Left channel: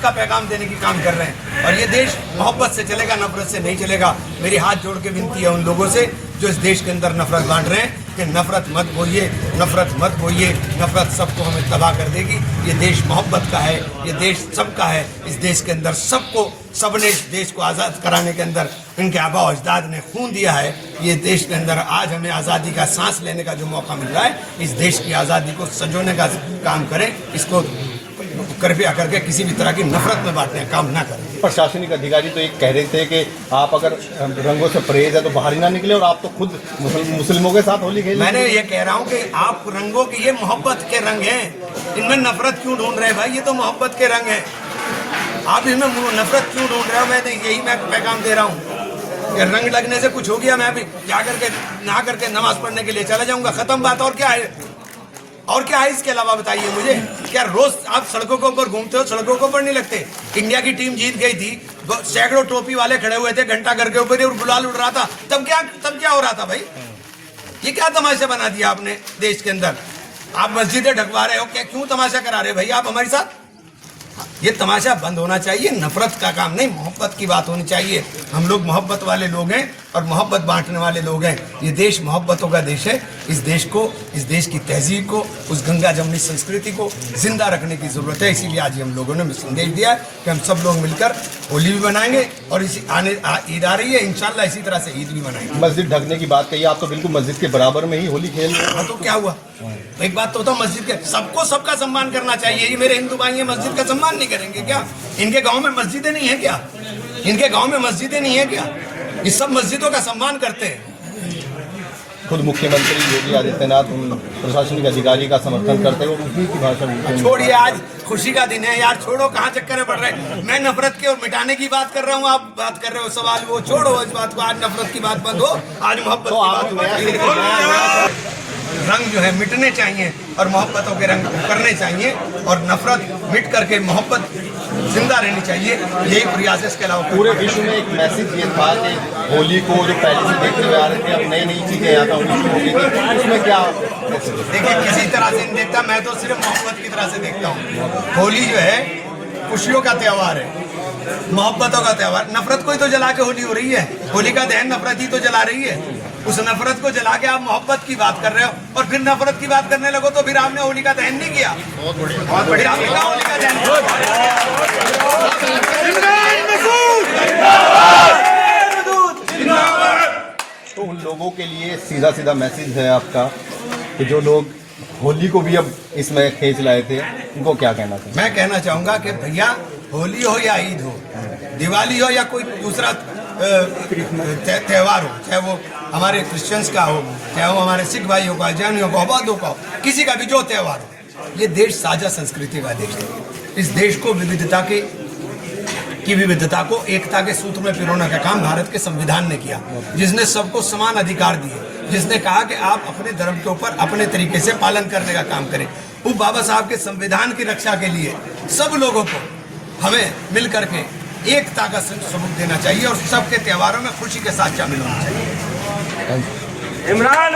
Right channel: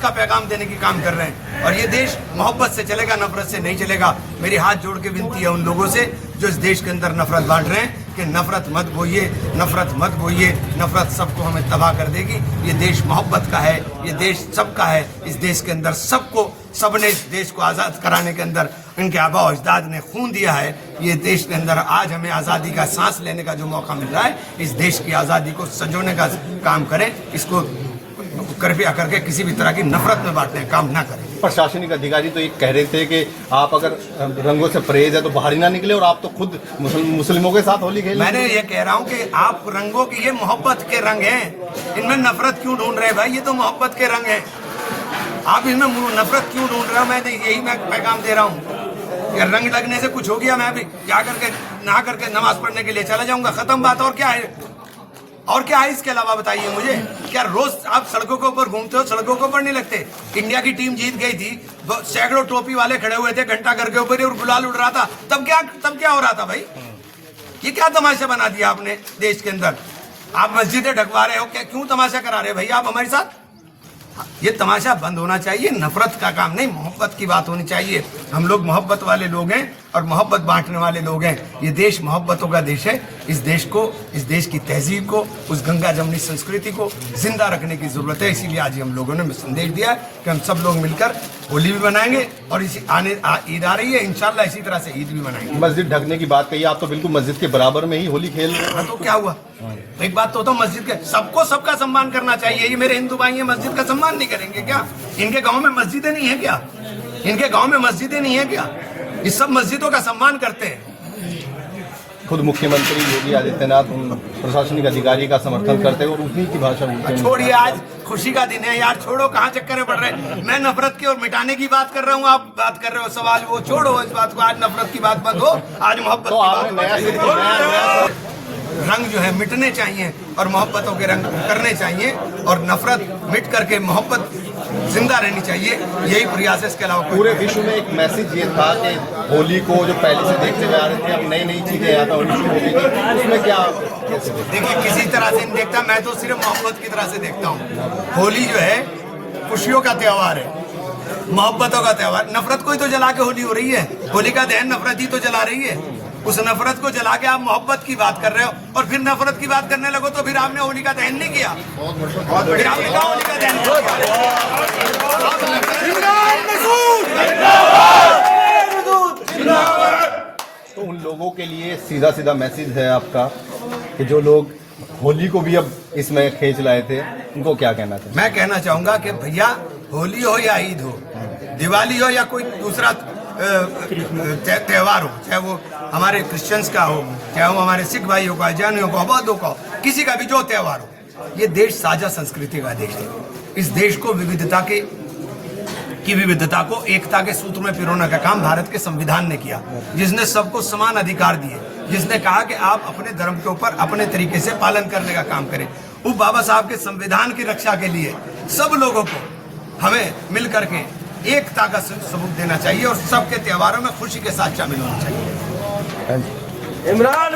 मोहब्बत का पैगाम देने की काम कर रहे हैं। और ये देश मोहब्बत से चलेगा, नफरत से नहीं चलेगा। मेरी हाथ जोड़ के विनती है उन लोगों से जो इस देश के अंदर नफरत बांट रहे हैं कि नफरत मत बोइए, नफरत मत बोइए। नफरत सबको हमें तबाह कर देगी। ये देश मोहब्बत का है, ये देश सबका है। इस देश के अंदर सबने इस देश को आज़ाद कराने के अंदर इनके आबा और अजदाद ने खून दिया है। ये देश के अंदर आज हमें आज़ादी का सांस लेने का जो मौका मिल रहा है, इस देश की आज़ादी को सजोने का काम करें। इसको कृपया करके किसी भी तरह की नफरत में बांटने का काम ना करें। प्रशासनिक अधिकारी तो एक कह रहे थे कि आप अगर रंगों से परहेज है तो बाहर ही ना निकले, और आप तो खुद मुस्लिमों के साथ होली खेल। मैंने ये कह रहा हूँ कि आप रंगों की, ये मोहब्बत के रंग हैं, इनमें नफरत क्यों ढूंढ रहे हैं भाई? ये तो मोहब्बत के रंग हैं, आप इसमें नफरत क्यों ढूंढ रहे हो? मैं पैगाम दे रहा हूँ कि रंग लगने से कुछ हो गया, मैं अभी जाकर के नहा करके नमाज पढ़ने के लिए चला जाऊंगा, खत्म बात। और क्या है? और क्या है इसके अलावा बताइए मुझे? क्या रोज आप सड़कों के ऊपर घूमते हो, सड़कों के ऊपर नहीं लगते? इंडिया की टीम जीत गई थी, सैकड़ों टोपी वाले खड़े हुए थे घंटा घर के ऊपर और गुलाल उड़ रहा था, तब क्या हो रहा था भाई? ये क्या तमाशा बना दिया आपने देश के अंदर? आप मस्जिदें ढकवा रहे हो, क्या क्यों तमाशा करा रहे हो भाई आप हमारे साथ? ये तमाशा बंद होना चाहिए। नफरत का काम नहीं, मोहब्बत की बात होनी चाहिए। हम लोग मोहब्बत वाले लोग हैं और मोहब्बत बांटने वाले लोग हैं। ये देश मोहब्बतों का देश है। इस देश को, इस देश की तहजीब को, उस गंगा जमुनी संस्कृति को जिंदा रखने की जरूरत है। इसीलिए आज हम लोगों ने संदेश दिया कि हम सब लोग मिलकर होली भी मनाएंगे और इसी ईद आ रही है, इंशाल्लाह इसी तरह से ईद भी मनाएंगे। मस्जिद ढकने की बात कही, आप तो बिल्कुल मस्जिद के बराबर में ही होली खेल रहे हैं। तो क्या हुआ? एक बात तो मस्जिद के सबको सबका सम्मान करना चाहिए। ये मेरे हिंदू भाई मस्जिद का सम्मान नहीं करेंगे क्या? इनके गांव में मस्जिदें नहीं है क्या? इनके गांव में मस्जिदें नहीं है क्या? ये सब मस्जिदों का सम्मान करते हैं। खुद मुख्यमंत्री योगी आदित्यनाथ प्रशासनिक अधिकारी का समर्थन करते हैं और उसी की भाषा। छोड़िए, आज खुशी का दिन है यार, छोड़ो, कहाँ चक्कर पड़ रहे हैं? मैं नफरत की और मिटाने की बात कर रहा हूँ, आप बात कर रहे हो सवाल, वो छोड़ो इस बात को। आज नफरत की बात बंद हो, आज मोहब्बत की बात हो। रंग जो है मिटने चाहिए और मोहब्बतों के रंग करने चाहिए और नफरत मिट करके मोहब्बत जिंदा रहनी चाहिए। यही प्रयास है, इसके अलावा पूरे विश्व में एक मैसेज ये था कि होली को जो पहले से देखते हुए आ रहे थे, अब नई नई चीजें आता होली की, उसमें क्या? देखिए, किसी तरह से नहीं देखता, मैं तो सिर्फ मोहब्बत की तरह से देखता हूँ। होली जो है खुशियों का त्यौहार है, मोहब्बतों का त्यौहार। नफरत को ही तो जला के होली हो रही है। होली का दहन नफरत ही तो जला रही है। उस नफरत को जला के आप मोहब्बत की बात कर रहे हो और फिर नफरत की बात करने लगो तो फिर आपने होली का दहन नहीं किया। बहुत बढ़िया, आपने कहा होली का दहन। तो उन लोगों के लिए सीधा सीधा मैसेज है आपका कि जो लोग होली को भी अब इसमें खींच लाए थे, उनको क्या कहना चाहिए? मैं कहना चाहूंगा कि भैया, होली हो या ईद हो, दिवाली हो या कोई दूसरा त्यौहार हो, चाहे वो हमारे क्रिश्चियंस का हो, चाहे वो हमारे सिख भाइयों का, जैनियों का, बौद्धों का, किसी का भी जो त्यौहार हो, ये देश साझा संस्कृति का देश है। इस देश को विविधता की विविधता को एकता के सूत्र में पिरोने का काम भारत के संविधान ने किया, जिसने सबको समान अधिकार दिए, जिसने कहा कि आप अपने धर्म के ऊपर अपने तरीके से पालन करने का काम करें। वो बाबा साहब के संविधान की रक्षा के लिए सब लोगों को हमें मिल करके एकता का सबूत देना चाहिए और सबके त्योहारों में खुशी के साथ शामिल होना चाहिए। इमरान